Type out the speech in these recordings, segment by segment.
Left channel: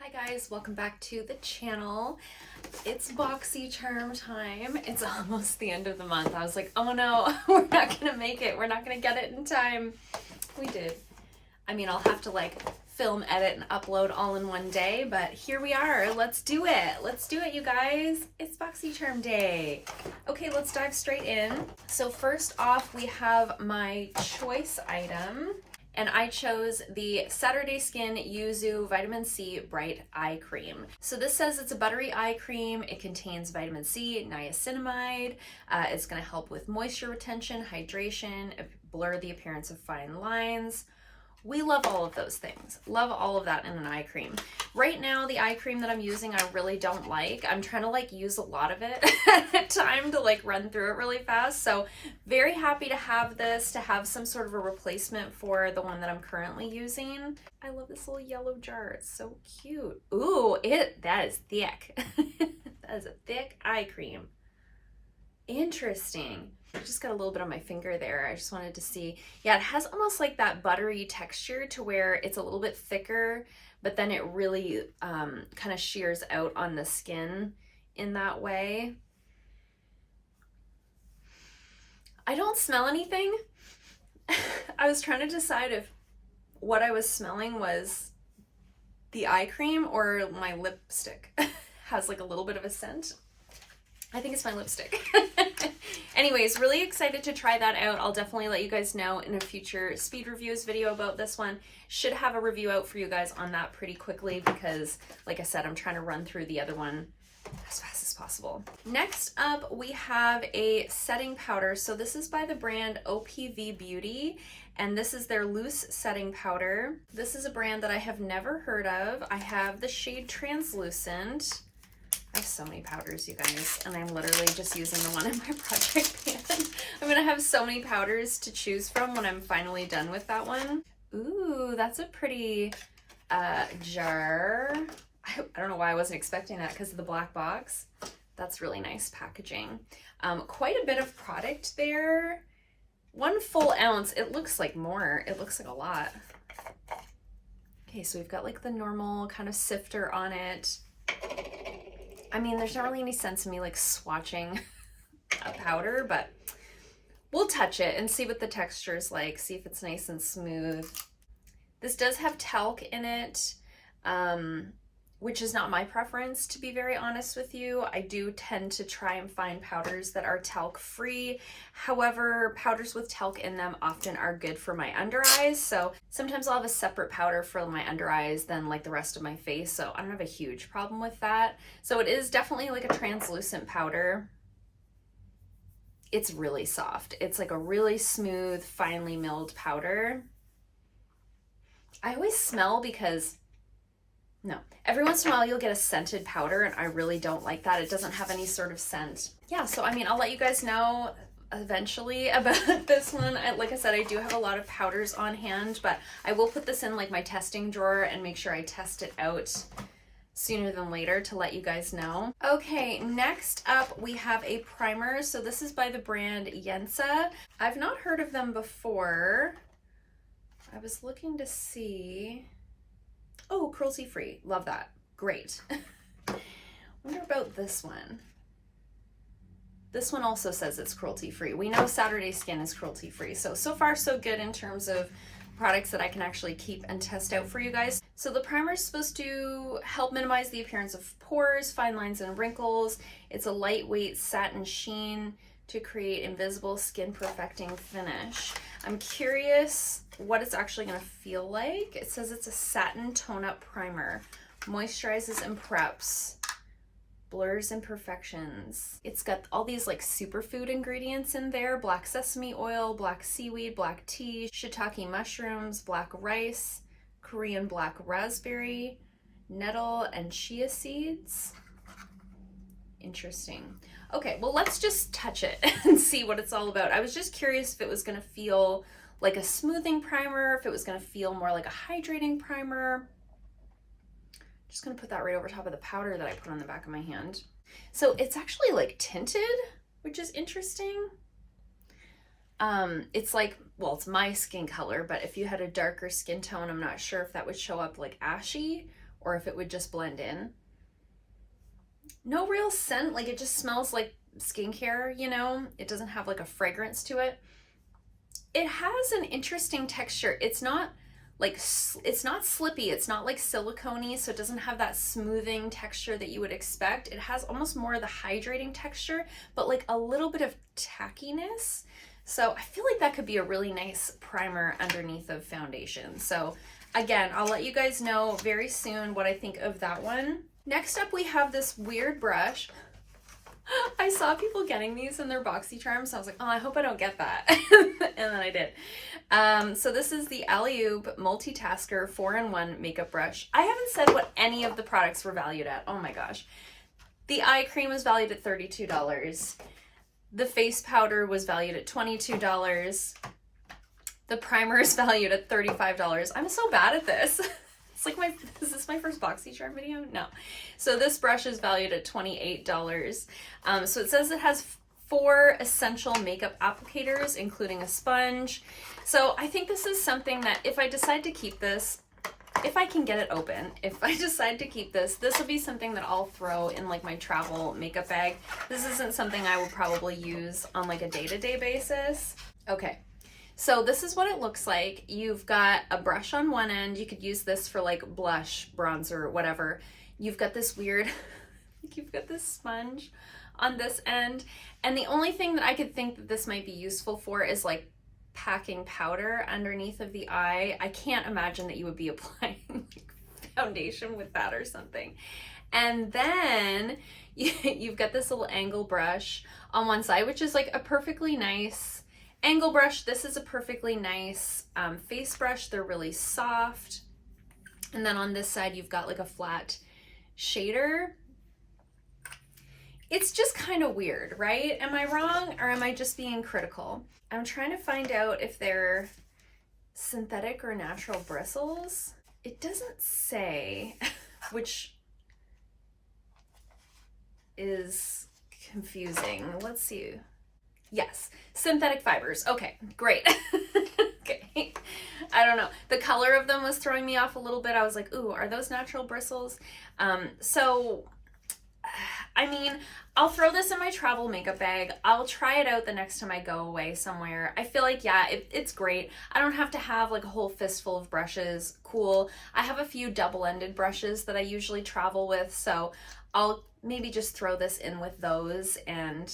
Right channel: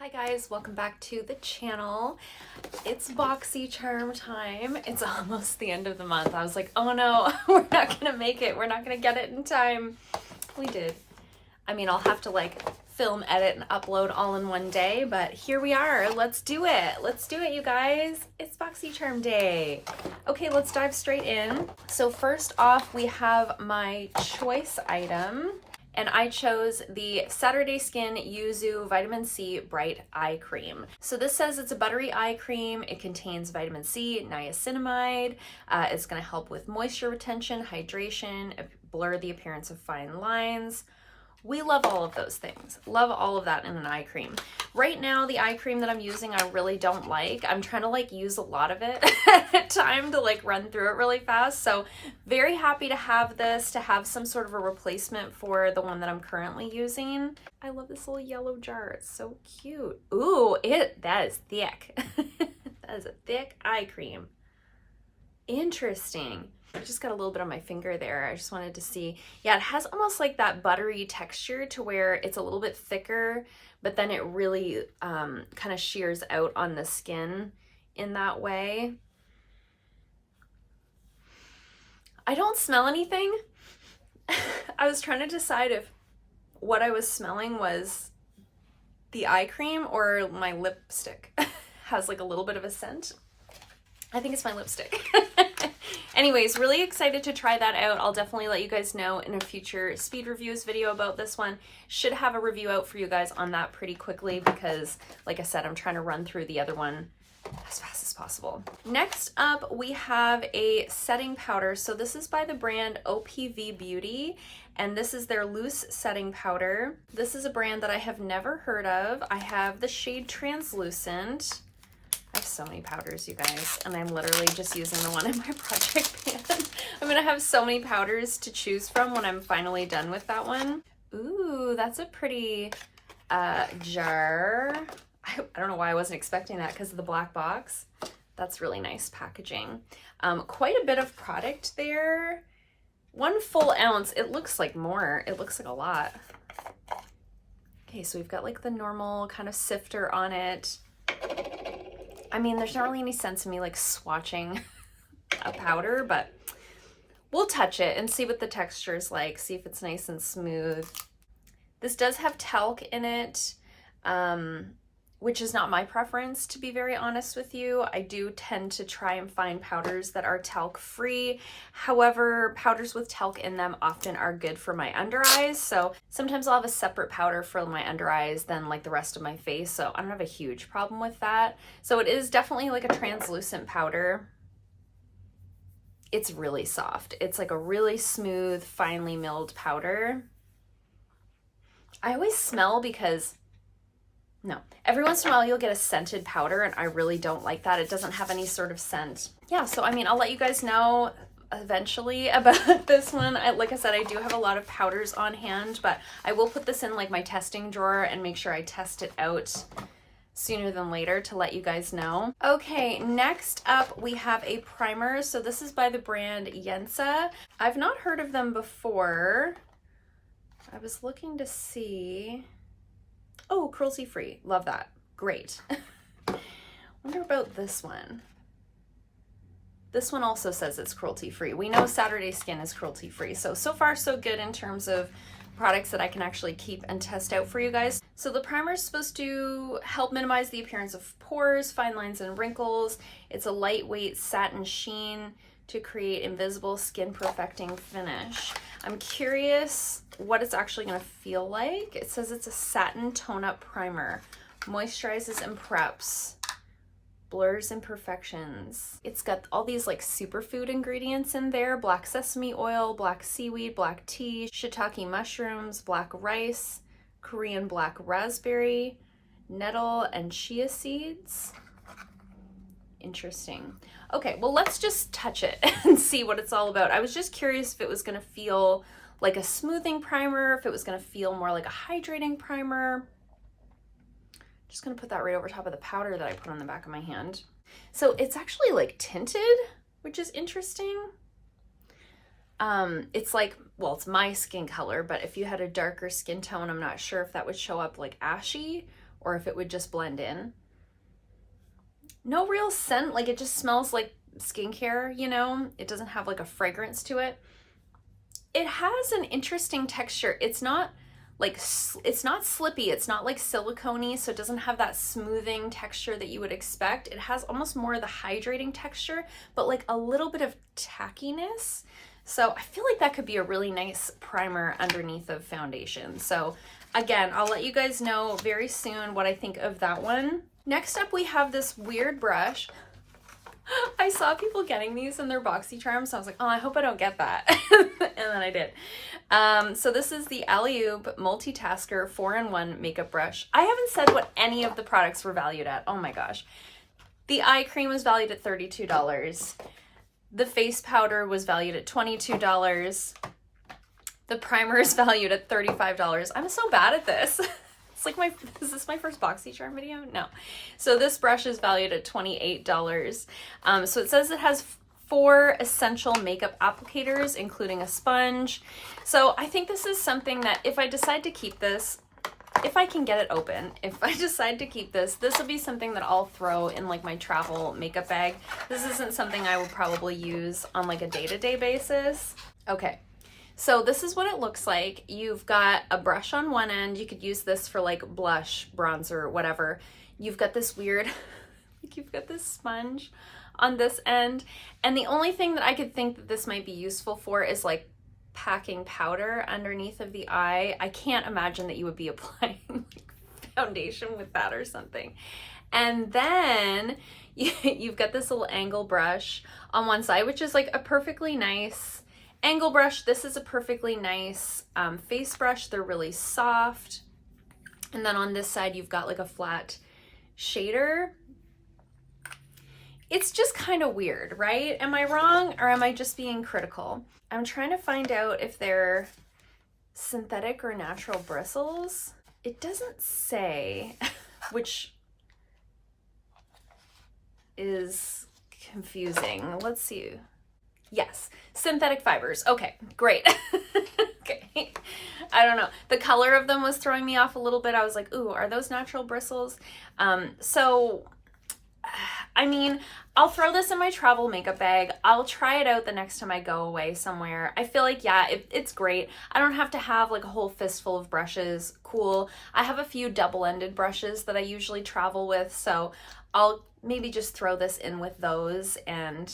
Hi guys, welcome back to the channel. It's Boxycharm time. It's almost the end of the month. I was like, oh no, we're not gonna make it. We're not gonna get it in time. We did. I mean, I'll have to like film, edit, and upload all in one day, but here we are. Let's do it. Let's do it, you guys. It's Boxycharm day. Okay, let's dive straight in. So first off, we have my choice item. And I chose the Saturday Skin Yuzu Vitamin C Bright Eye Cream. So this says it's a buttery eye cream. It contains vitamin C, niacinamide. It's gonna help with moisture retention, hydration, blur the appearance of fine lines. We love all of those things. Love all of that in an eye cream. Right now, the eye cream that I'm using, I really don't like. I'm trying to like use a lot of it at a time to like run through it really fast. So very happy to have this, to have some sort of a replacement for the one that I'm currently using. I love this little yellow jar. It's so cute. Ooh, that is thick. That is a thick eye cream. Interesting. I just got a little bit on my finger there. I just wanted to see. Yeah, it has almost like that buttery texture to where it's a little bit thicker, but then it really kind of shears out on the skin in that way. I don't smell anything. I was trying to decide if what I was smelling was the eye cream or my lipstick. Has like a little bit of a scent. I think it's my lipstick. Anyways, really excited to try that out. I'll definitely let you guys know in a future speed reviews video about this one. Should have a review out for you guys on that pretty quickly because, like I said, I'm trying to run through the other one as fast as possible. Next up, we have a setting powder. So this is by the brand OPV Beauty, and this is their loose setting powder. This is a brand that I have never heard of. I have the shade Translucent. I have so many powders, you guys, and I'm literally just using the one in my project pan. I'm gonna have so many powders to choose from when I'm finally done with that one. Ooh, that's a pretty jar. I don't know why I wasn't expecting that because of the black box. That's really nice packaging. Quite a bit of product there. 1 full ounce. It looks like more. It looks like a lot. Okay, so we've got like the normal kind of sifter on it. I mean, there's not really any sense in me like swatching a powder, but we'll touch it and see what the texture is like, see if it's nice and smooth. This does have talc in it, which is not my preference, to be very honest with you. I do tend to try and find powders that are talc free. However, powders with talc in them often are good for my under eyes. So sometimes I'll have a separate powder for my under eyes than like the rest of my face. So I don't have a huge problem with that. So it is definitely like a translucent powder. It's really soft. It's like a really smooth, finely milled powder. I always smell because no. Every once in a while you'll get a scented powder and I really don't like that. It doesn't have any sort of scent. Yeah, so I mean, I'll let you guys know eventually about this one. Like I said, I do have a lot of powders on hand, but I will put this in like my testing drawer and make sure I test it out sooner than later to let you guys know. Okay, next up we have a primer. So this is by the brand Yensa. I've not heard of them before. I was looking to see. Oh, cruelty-free. Love that. Great. Wonder about this one. This one also says it's cruelty-free. We know Saturday Skin is cruelty-free. So far so good in terms of products that I can actually keep and test out for you guys. So the primer is supposed to help minimize the appearance of pores, fine lines, and wrinkles. It's a lightweight satin sheen to create invisible skin perfecting finish. I'm curious what it's actually gonna feel like. It says it's a satin tone-up primer, moisturizes and preps, blurs imperfections. It's got all these like superfood ingredients in there: black sesame oil, black seaweed, black tea, shiitake mushrooms, black rice, Korean black raspberry, nettle, and chia seeds. Interesting. Okay, well, let's just touch it and see what it's all about. I was just curious if it was gonna feel like a smoothing primer, if it was gonna feel more like a hydrating primer. Just gonna put that right over top of the powder that I put on the back of my hand. So it's actually like tinted, which is interesting. It's like, well, it's my skin color, but if you had a darker skin tone, I'm not sure if that would show up like ashy or if it would just blend in. No real scent, like it just smells like skincare, you know? It doesn't have like a fragrance to it. It has an interesting texture. It's not like, it's not slippy, it's not like silicone-y, so it doesn't have that smoothing texture that you would expect. It has almost more of the hydrating texture, but like a little bit of tackiness. So I feel like that could be a really nice primer underneath of foundation. So again, I'll let you guys know very soon what I think of that one. Next up, we have this weird brush. I saw people getting these in their Boxycharm, so I was like, oh, I hope I don't get that. And then I did. So this is the Alleyoop Multitasker 4-in-1 makeup brush. I haven't said what any of the products were valued at. Oh my gosh. The eye cream was valued at $32. The face powder was valued at $22. The primer is valued at $35. I'm so bad at this. It's like is this my first Boxycharm video? No. So this brush is valued at $28. So it says it has 4 essential makeup applicators, including a sponge. So I think this is something that if I decide to keep this, if I can get it open, if I decide to keep this, this will be something that I'll throw in like my travel makeup bag. This isn't something I will probably use on like a day-to-day basis. Okay. So this is what it looks like. You've got a brush on one end. You could use this for like blush, bronzer, whatever. You've got this weird, like you've got this sponge on this end. And the only thing that I could think that this might be useful for is like packing powder underneath of the eye. I can't imagine that you would be applying like foundation with that or something. And then you've got this little angle brush on one side, which is like a perfectly nice angle brush. This is a perfectly nice face brush. They're really soft. And then on this side, you've got like a flat shader. It's just kind of weird, right? Am I wrong or am I just being critical? I'm trying to find out if they're synthetic or natural bristles. It doesn't say, which is confusing. Let's see. Yes, synthetic fibers. Okay, great. Okay. I don't know. The color of them was throwing me off a little bit. I was like, ooh, are those natural bristles? So, I mean, I'll throw this in my travel makeup bag. I'll try it out the next time I go away somewhere. I feel like, yeah, it's great. I don't have to have like a whole fistful of brushes. Cool. I have a few double-ended brushes that I usually travel with, so I'll maybe just throw this in with those and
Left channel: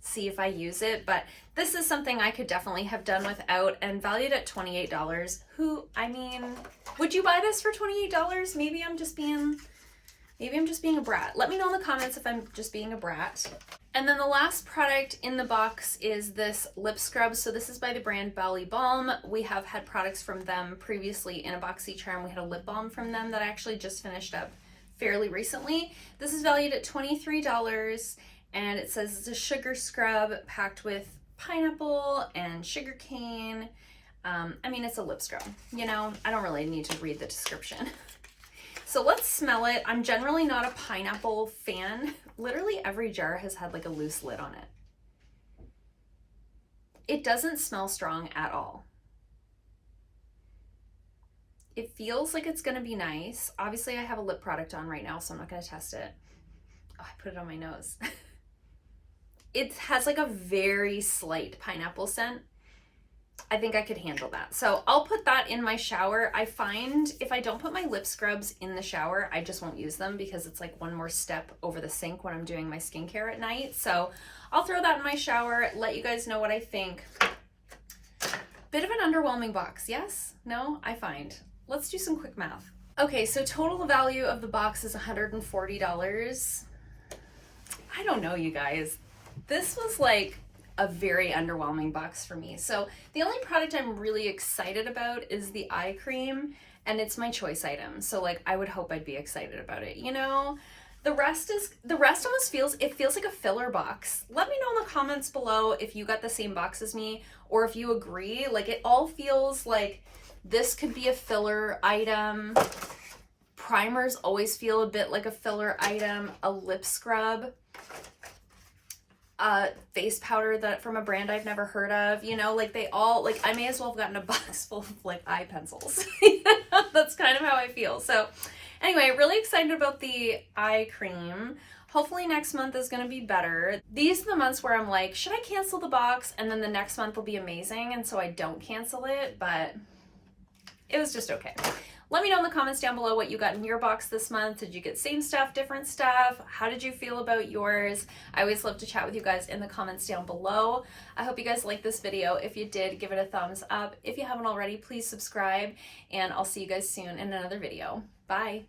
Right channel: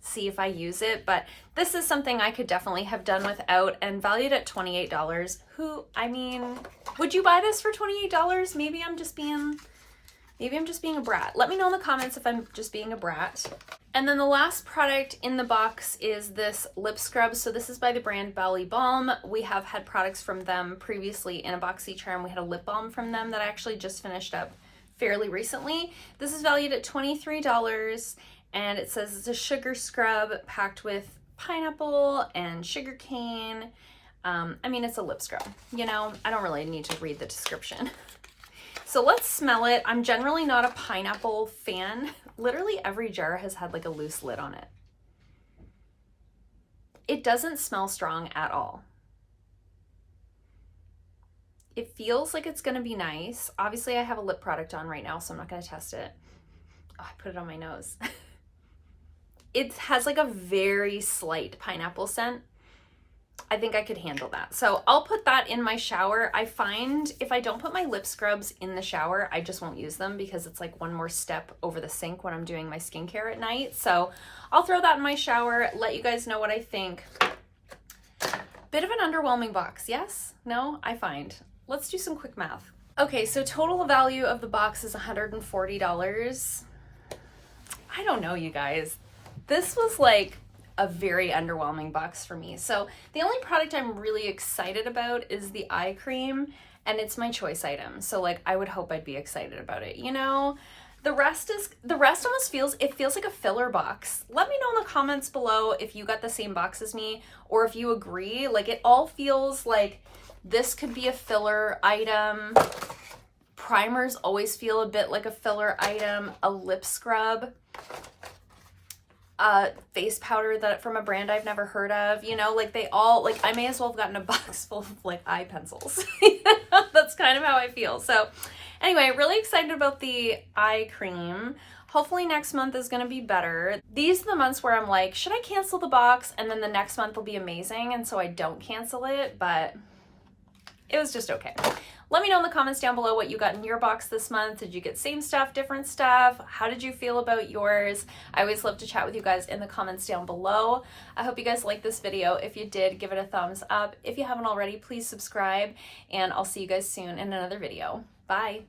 see if I use it. But this is something I could definitely have done without, and valued at $28. I mean, would you buy this for $28? Maybe I'm just being a brat. Let me know in the comments if I'm just being a brat. And then the last product in the box is this lip scrub. So this is by the brand Bali Balm. We have had products from them previously in a Boxycharm. We had a lip balm from them that I actually just finished up fairly recently. This is valued at $23. And it says it's a sugar scrub packed with pineapple and sugar cane. I mean, it's a lip scrub, you know, I don't really need to read the description. So let's smell it. I'm generally not a pineapple fan. Literally every jar has had like a loose lid on it. It doesn't smell strong at all. It feels like it's gonna be nice. Obviously I have a lip product on right now, so I'm not gonna test it. Oh, I put it on my nose. It has like a very slight pineapple scent. I think I could handle that. So I'll put that in my shower. I find if I don't put my lip scrubs in the shower, I just won't use them because it's like one more step over the sink when I'm doing my skincare at night. So I'll throw that in my shower, let you guys know what I think. Bit of an underwhelming box, yes? No? I find. Let's do some quick math. Okay, so total value of the box is $140. I don't know, you guys. This was like a very underwhelming box for me. So the only product I'm really excited about is the eye cream, and it's my choice item. So like I would hope I'd be excited about it, you know? The rest almost feels like a filler box. Let me know in the comments below if you got the same box as me or if you agree. Like it all feels like this could be a filler item. Primers always feel a bit like a filler item. A lip scrub. Face powder that from a brand I've never heard of, you know, like they all, like I may as well have gotten a box full of like eye pencils. That's kind of how I feel. So Anyway, really excited about the eye cream. Hopefully next month is going to be better. These are the months where I'm like, should I cancel the box? And then the next month will be amazing, and so I don't cancel it, but it was just okay. Let me know in the comments down below what you got in your box this month. Did you get same stuff, different stuff? How did you feel about yours? I always love to chat with you guys in the comments down below. I hope you guys liked this video. If you did, give it a thumbs up. If you haven't already, please subscribe, and I'll see you guys soon in another video. Bye.